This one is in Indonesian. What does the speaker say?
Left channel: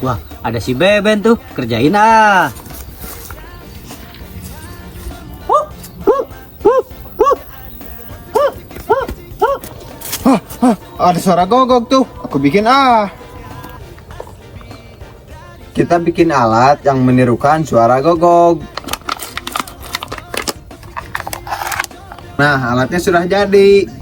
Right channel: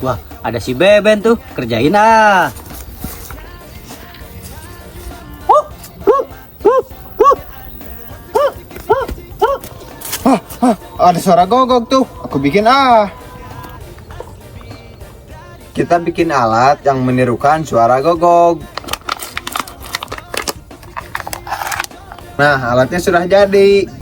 Wah, ada si Beben tuh, kerjain ah. Ada suara gogok tuh, aku bikin ah. Kita bikin alat yang menirukan suara gogok. Nah, alatnya sudah jadi.